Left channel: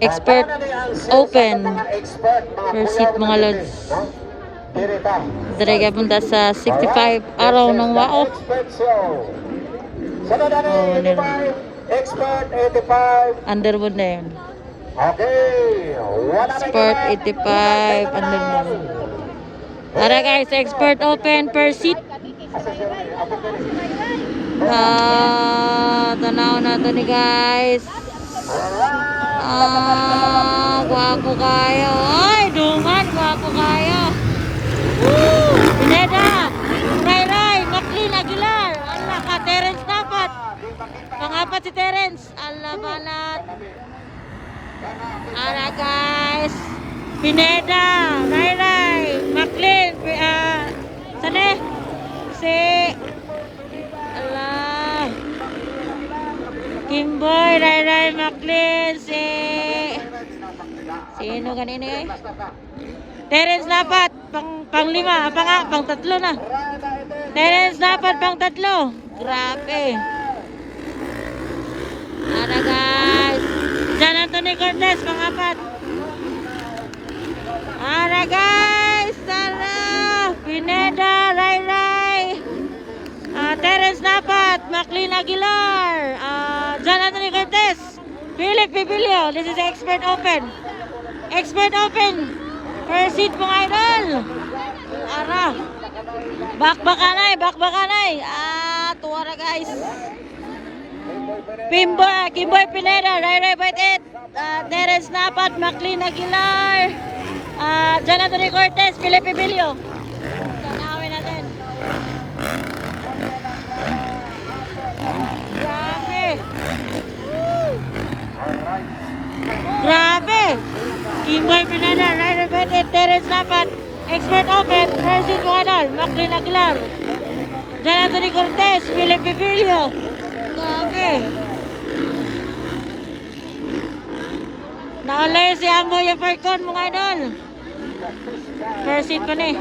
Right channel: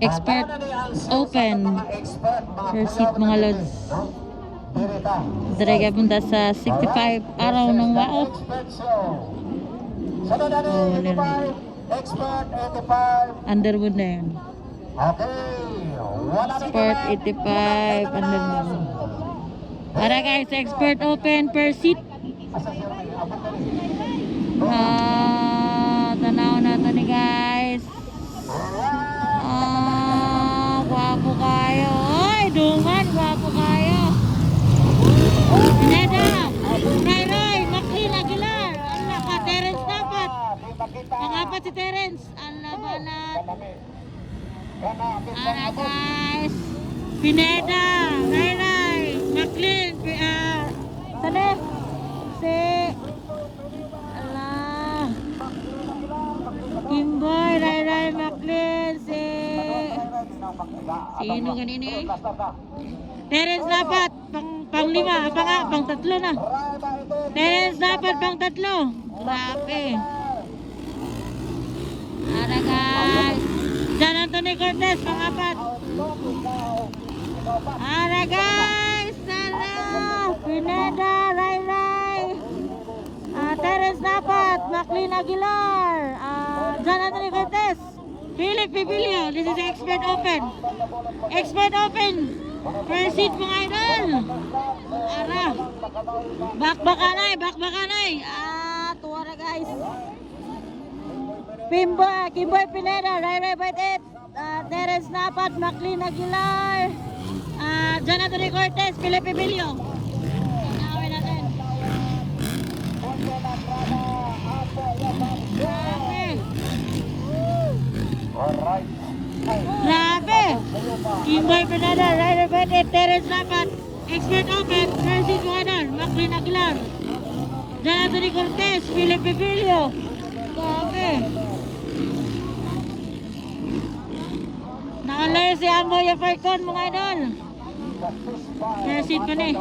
Expert Open. First seat mga lods. Direga punta sa 65 araw ng wao. Oh, Expert 85. Underwood na yun. Okay. Expert 85 Underwood. Tara guys, Expert Open per seat. Tanaw na to ni guys. Guwapo kayo. Ay, duman, guwapo kayo. Pineda, Ray, Maclean Aguilar. Allah ka, Terence dapat. Pangapat si Terence. Allah balat. Ara guys. Pineda, Ray, Maclean. Saan si Allah. Kimboy, Ray, Maclean. Sino kanina eh? Terence dapat. Pang lima. Pang tatlo na. Terence dapat pang tatlo. Grabe. Tara guys. Jan Anthony Cortez, pang-apat. Tara guys. Tara. Pineda, Ray. Terence dapat. Maclean Aguilar. Jan Anthony Cortez. Philip Pibilio. This is the Expert Open. Expert Open. First seat mga idol. Ara. Bakbakanay. Tuwara guys. Kimboy Pineda, Ray Baitet, Terence Napat, Maclean Aguilar, Jan Anthony Cortez, Philip Pibilio. Tanawin natin. Grabe. Kimboy Pineda, Ray Baitet, Terence Napat, Expert Open, first seat mga idol, Maclean Aguilar, Jan Anthony Cortez, Philip Pibilio. Grabe. Naulay si Amboy Falcon mga idol. First seat pa ni.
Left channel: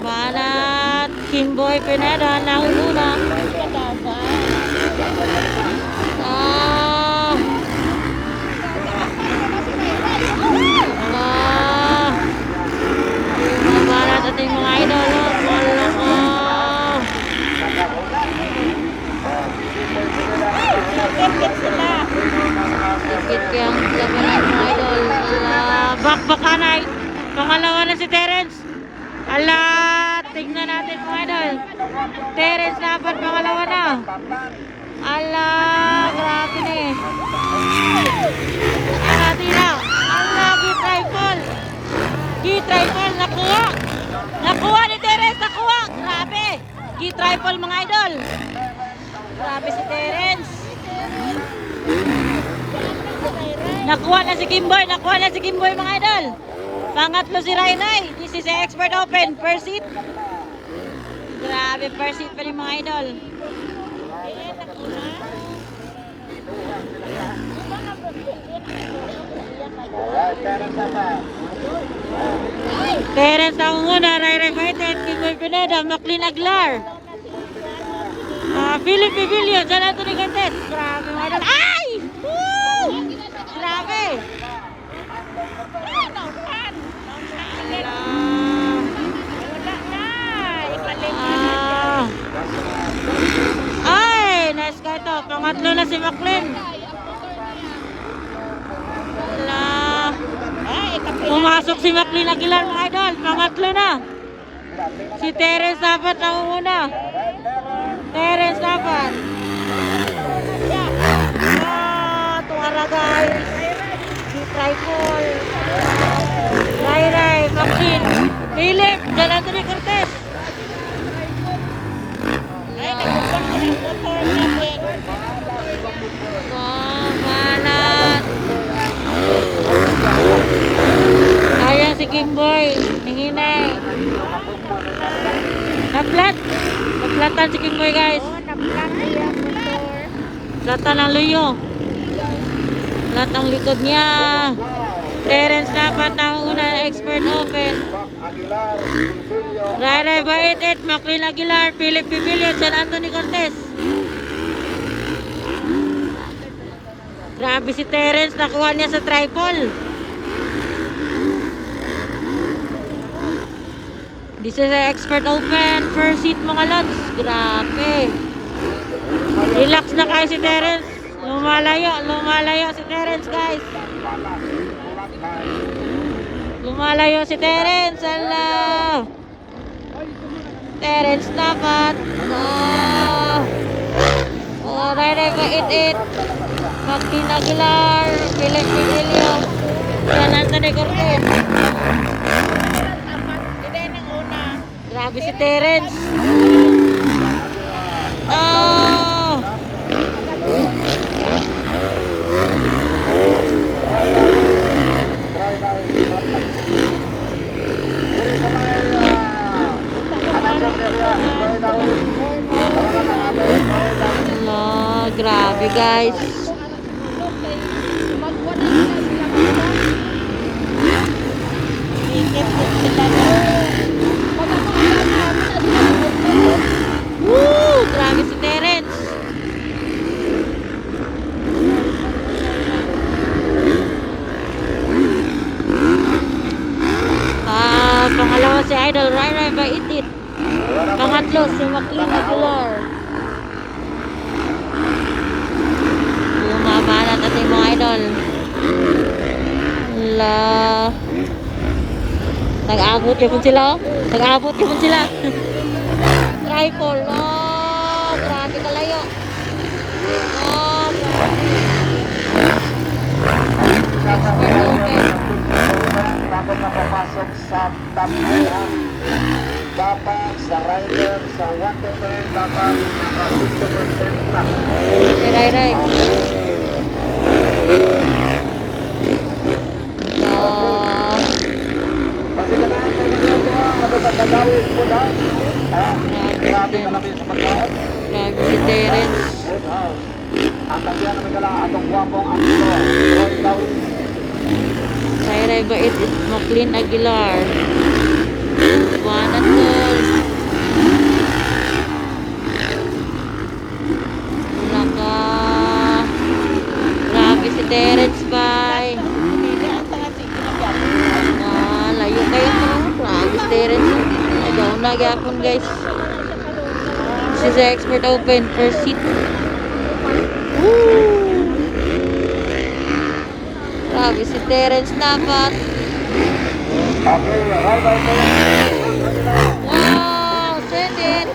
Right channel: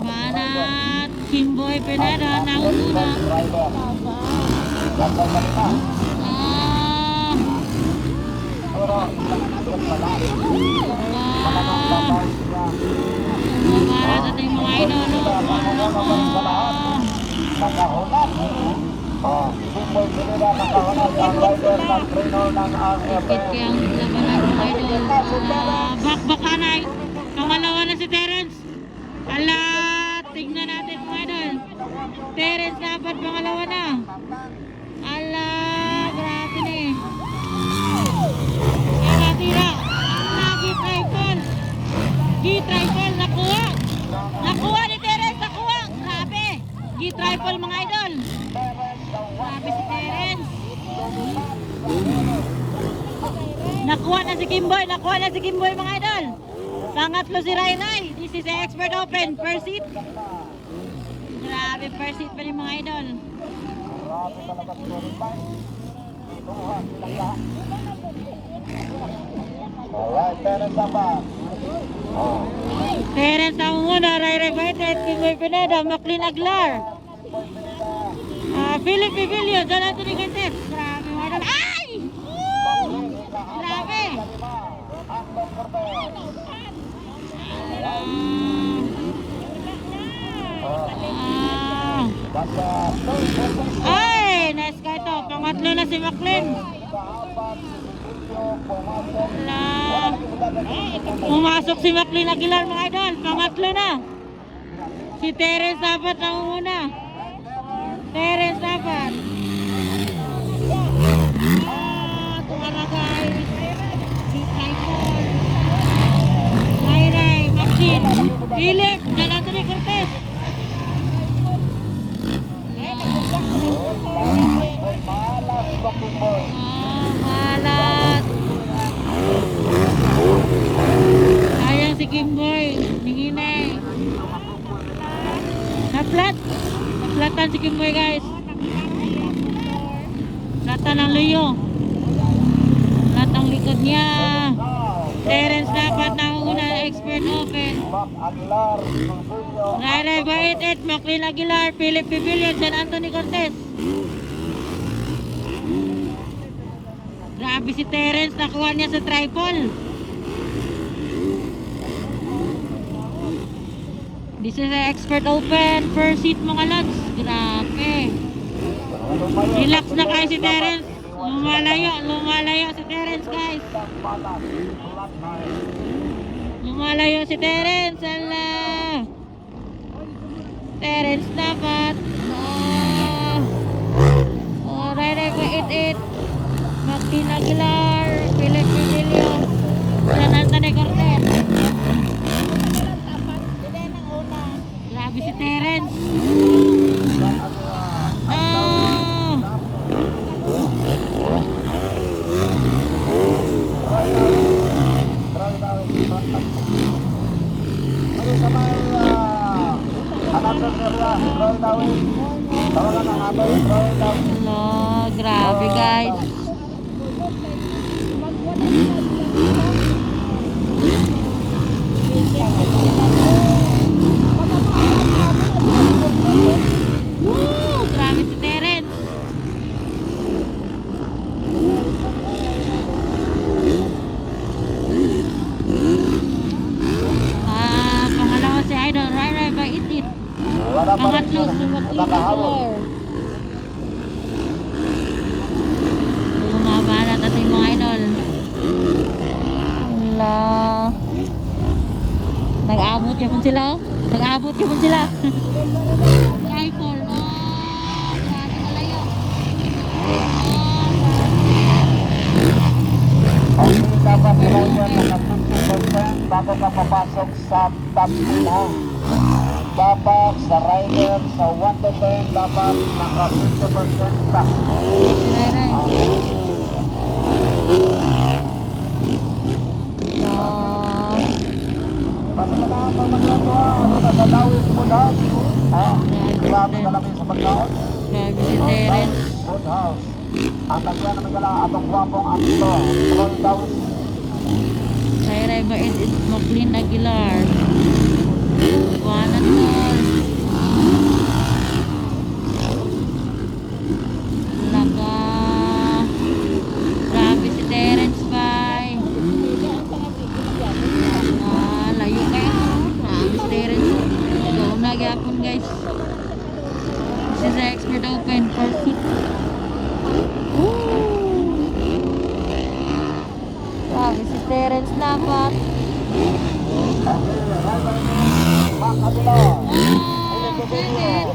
Balat Kimboy Pineda nahulula. Balat ating mga idol. Ikit yung idol. Bakbakanay. Pangalawa na si Terence. Ala, tignan natin mga idol. Terence dapat pangalawa na. Ala, grabe na eh. Tira. Ala, G-triple. Nakuha ni Terence, nakuha. Grabe. G-triple mga idol. Grabe si Terence. Nakuha na si Kimboy mga idol. Pangatlo si Ray. This is the Expert Open. First seat. Grabe, first seat pa rin mga idol. Terence ang muna. Ray Baitet, Kimboy Pineda, Maclean Aguilar, Philip Pibilio, Jan Anthony Cortez. Grabe mga idol. Ay! Woo! Grabe. Ay! Nice ka ito. Pangatlo na si Maclean. Pumasok si Maclean Aguilar mga idol. Pangatlo na. Si Terence dapat ang una. Terence dapat. Tuwara guys. G-triple. Ray, Maclean. Philip, Jan Anthony Cortez. Banat. Sayang si Kimboy. Ninginay. Naplatan si Kimboy guys. Platan ang luyo. Plat ang likod niya. Terence dapat ang una. Expert Open. Ray Baitet, Maclean Aguilar, Philip Pibilio, Jan Anthony Cortez. Grabe si Terence, nakuha niya sa triple. This is an expert open first seat mga lods. Grabe. Relax na kayo si Terence. Lumalayo si Terence guys. Lumalayo si Terence. Ala. Terence dapat. Rere ko it. Magpinagular. Pilit Emilio. Kanan sa Negorten. Grabe si Terence. Grabe guys. Grabe si Terence. Pangalawa si Idol Rai Baitit. Pangatlo si McLean Aguilar. Yung mabanat natin mga idol. Wala. Nag-abot yun sila. Nag-abot yun sila. Tripod. Oh, grabe kalayo. Dapat nakapasok sa tampihan. Dapat sa rider sa 1 to 10 dapat naka-50% pa. Ray. Grabe ka namin sa pagkakas. Grabe si Terence. At ang yan naman lang atong guwapong ang Ray Bait McLean Aguilar. Wanat din. Grabe si Terence bay. Layo kayo. Grabe si Terence. Ayaw na gyapon guys. This is the expert open first seat. Grabe si Terence dapat. Okay, right by me. Wow, Senit.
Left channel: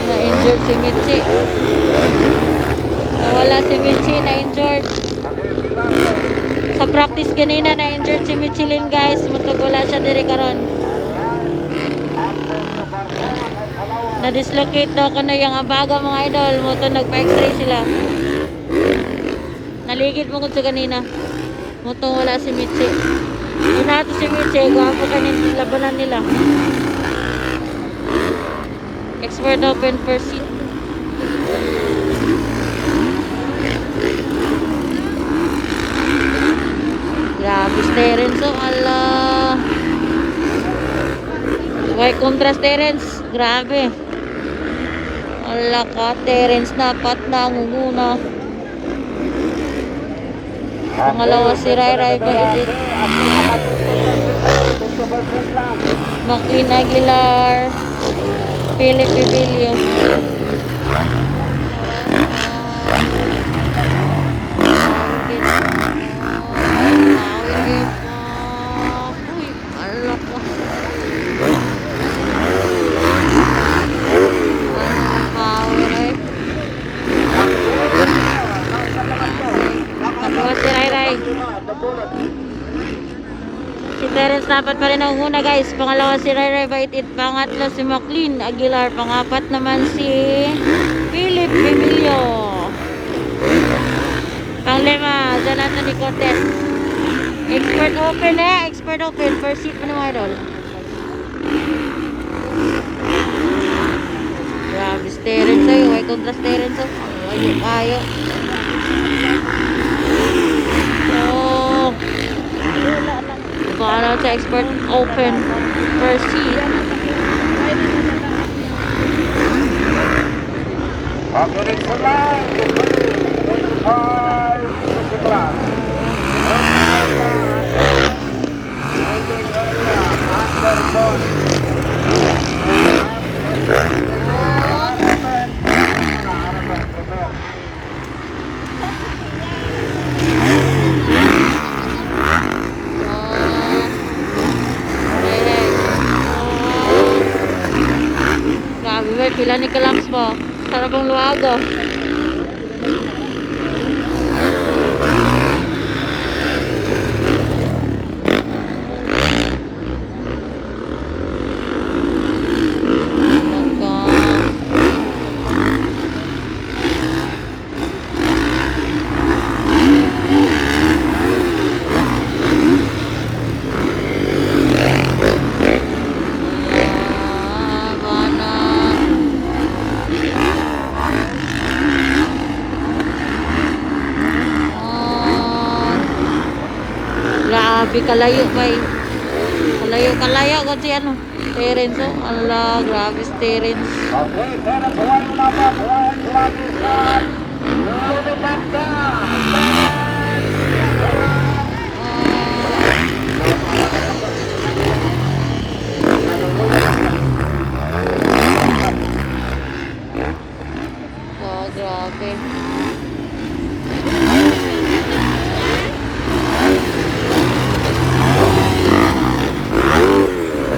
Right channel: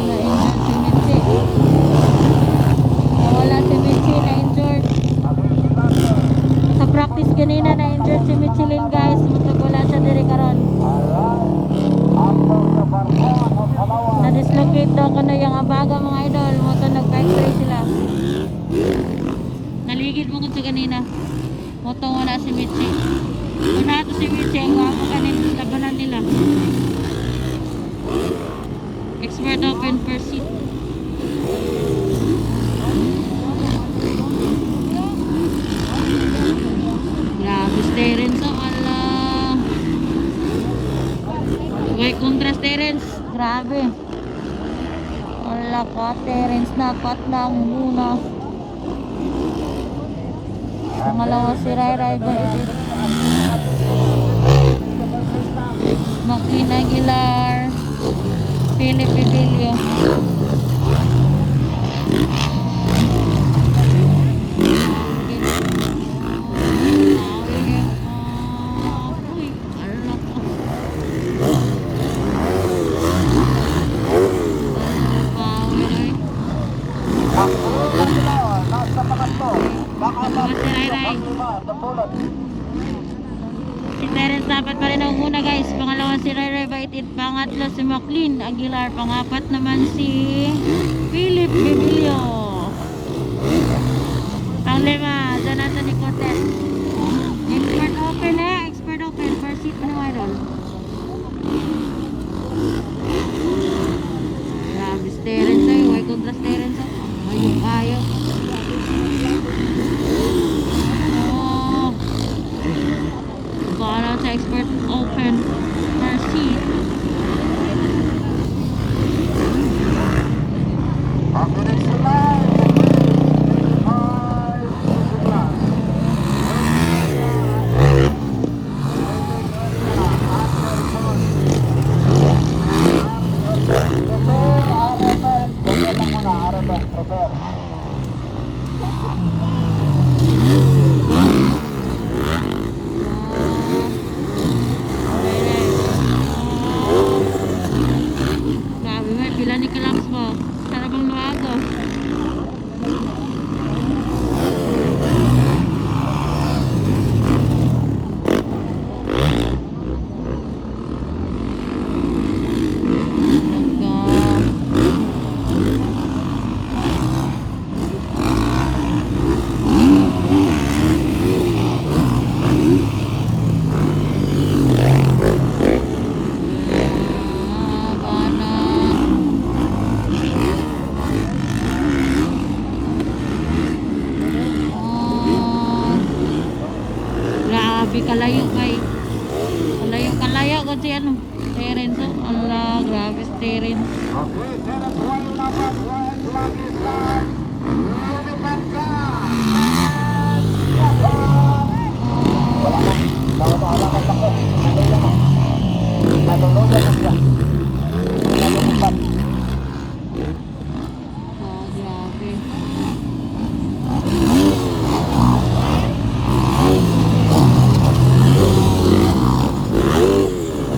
Na-injured si Mitzi. Wala si Mitzi, na-injured. Sa practice kanina, na-injured si Michelin guys. Matagwala siya diri karon. Na-dislocate daw ko na yung abaga mga idol. Moto nagpa-x-ray sila. Naligid mo ko sa kanina. Moto wala si Mitzi. Kung nato si Mitzi, gwapo kanina labanan nila. Expert open first seat. Grabe si Terence, oh ala. White contrast Terence, grabe. Ala ka Terence, dapat na muna. Pangalawa si Rai Baitit. McLean Aguilar. Philip Bibilio. Si Terence dapat pa rin ang una guys. Pangalawa si Rai Baitit. Pangatlo si McLean Aguilar. Pangapat naman si Philip Bibilio. Panglima, Jonathan Nicotet. Expert open expert open. First seat pa ng mga idol. Grabe si Terence ay. May contrast Terence. Ayaw. sa export open per seat. Okay, next line. 25 easy class. Waiting area, under bond. Grabe ba, pila ni Kalams mo. Sarap ang luwago. Grabe kalayo pa eh. Kalayo ko si ano. Terence oh. Ala, grabe si Terence. Okay, pero buwan mo na ba? Buwan lagi sa lumipad ka. Oh, grabe.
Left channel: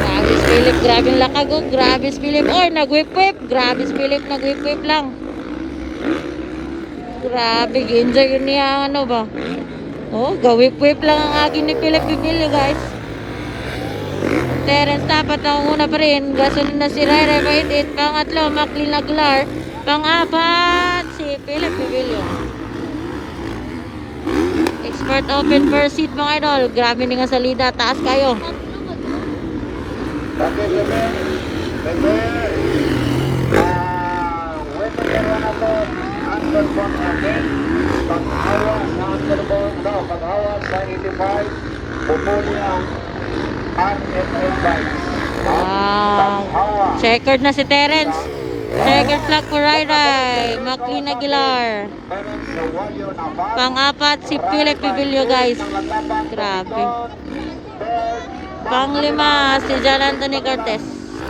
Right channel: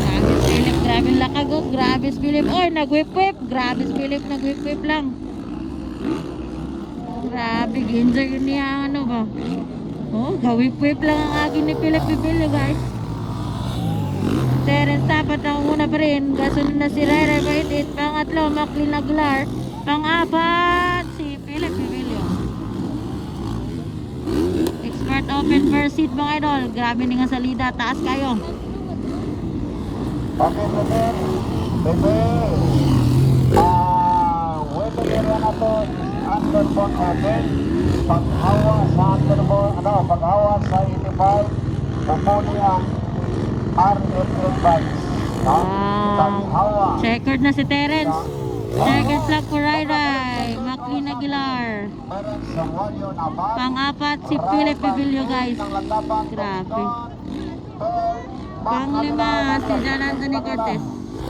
Grabe si Philip, grabe ang lakag oh. Grabe si Philip. Oh, nag-whip-whip. Grabe si Philip, nag-whip-whip lang. Grabe, ginja yun niya ano ba? Oh, ga-whip-whip lang ang agin ni Philip Bibilio guys. Terence dapat ang una pa rin. Gasunod na si Rai Rai 88. Pangatlo, Maclean Aguilar. Pang-apat, si Philip Bibilio. Expert open per seat mga idol. Grabe ni nga salida. Taas kayo. Okay, Leber. Leber. Waiting area na to. Under bond open. Pag-hawa sa under bond. Pag-hawa sa 85. Pupuli ang RFA guys. Wow. Checkered na si Terence. Checkered flag for Rai Rai. Maclean Aguilar. Pang-apat si Philip Bibilio guys. Grabe. Pang-lima si John Anthony Cortez.